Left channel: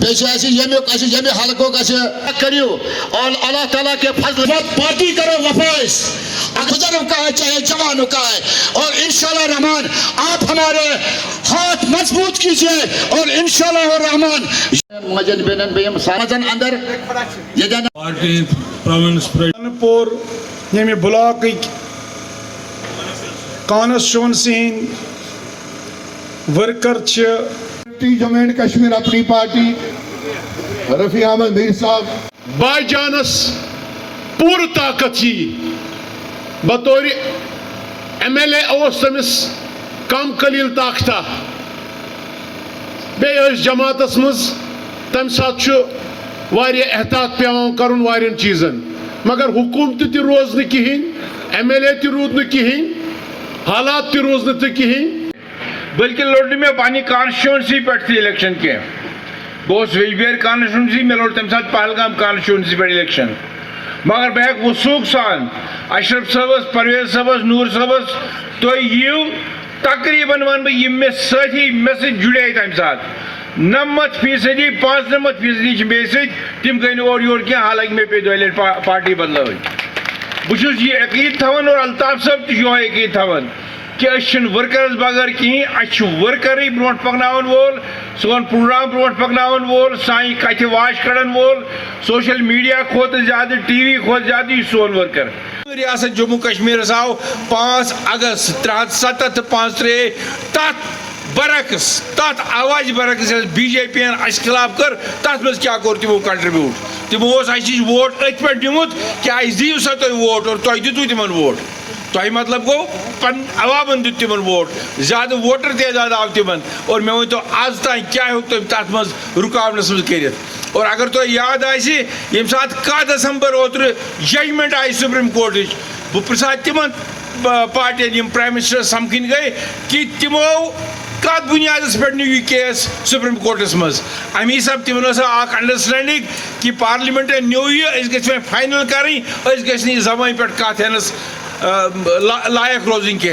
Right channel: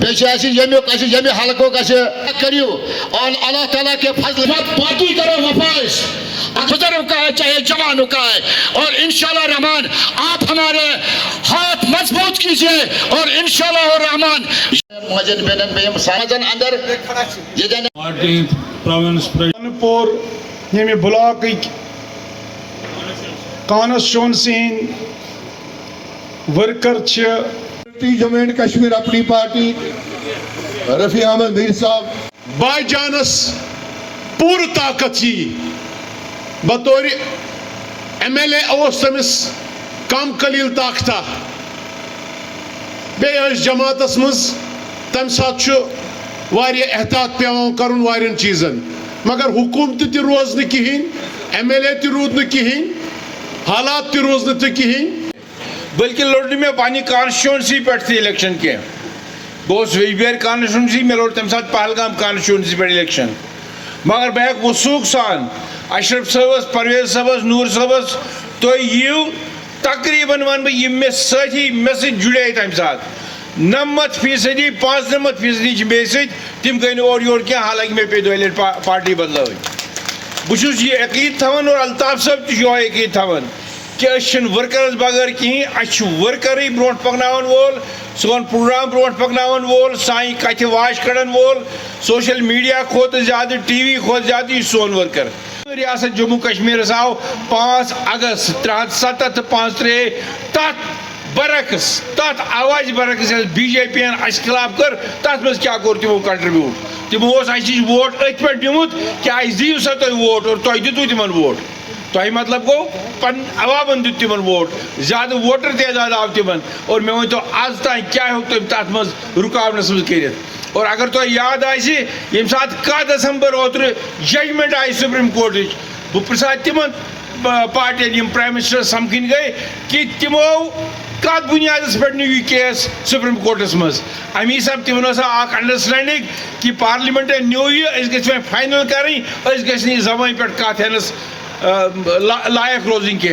یمہ حلقوں کریو اور اللہ تعالیٰ کے فضل پارٹی کرو وفائش بزرگوں کا ہے چاہے جوانوں کا ہے، اور انشاءاللہ رحمان آپ ہمارے ہاتھ مضبوط کیجئے اور انشاءاللہ رحمان مجن بینن بیم سامزن اندر یہ پارٹی پروونس پور یمہ block constituency worker Jammu and Kashmir اپنی پارٹی رفیع احمد میر صاحب بائی جانس پور طاقت بطور ایم ایل اے تمس کم قلیل طاقتہ بیس جماعتس مز تمہ سات احتیاط پیوان کرن وارین چیزن، مگر حکومت تہ روز نہ کہین، ایم ایل اے تہ رود نہ کہین، حالات تہ روز نہ کہین، بلکہ لوٹ میں پانی کانسٹیچوئنسی پہ تھی الیکشن کی بہت ویجبیر کانسٹیچوئنسی میں لوٹ تمہ سات پہلگام کانسٹیچوئنسی پہ الیکشن، مگر بہ ہیک وثوق سان اشرف صاحبس پرعزم صاحبس نور صاحبس تھی یو تقریباً ون بہ یم مے ساتھی مے سۭتۍ جڑے تمہ سات 90% 95% مے سۭتۍ تم گئی اور یور کی، حالانکہ مے پہ دۄیہِ لٹہِ پارٹی بدلٲوٕنۍ بہٕ چھُس یہ عقیٖد تھاوان اور الطاف صاحب تہِ چھُ یہوے عقیٖد تھاوان کہ أسۍ ورکرس بغیر کہین، اَسہِ چھُ ورکرٕے برونٛٹھ پکناون وول، سون پروگرام برونٛٹھ پکناون وول، سانہِ کتھِ واش کڑن وول، سوشل میڈیا کھۄتہٕ زیادٕ ٹی وی کھۄتہٕ زیادٕ یہِ سون ورکر ریاست جموں کشمیرس آو 5 اگست 307 تہٕ 5/3 تتھ برعکس تتھ آواز برعکس بی جے پی اس خلاف کر تتھ مز کیا کور تمو کنٹریبیوٹ تمو اس ووٹ ات پہ دیمت کہ اس دیو سا تھی ووٹ اور تھی دتو تمن ووٹ تہ مطلب گو پن عوامن دت تمن ووٹ زیادہ ووٹر تعداد آو تمن اور مے ون تو آز تین کیا ہوں تم تر مز رکاونس مز کرت اور اگر تہ یاد آسی یم سات 1 دسمبر اوتر ججمنٹ آئی سپریم کورٹچ بہ پرژھا تمن پارٹین یم پرائم منسٹر سمکھن گئی کہ تمو کت بنیادس پہ نیو یہ کیس سپریم کورٹس مز امی حساب تمن اخ انڈرسٹینڈنگ کہ پارلیمنٹ نیو یہ گھس فائنل کریں گھس زبان پہ کت ہینس لائق روزن کی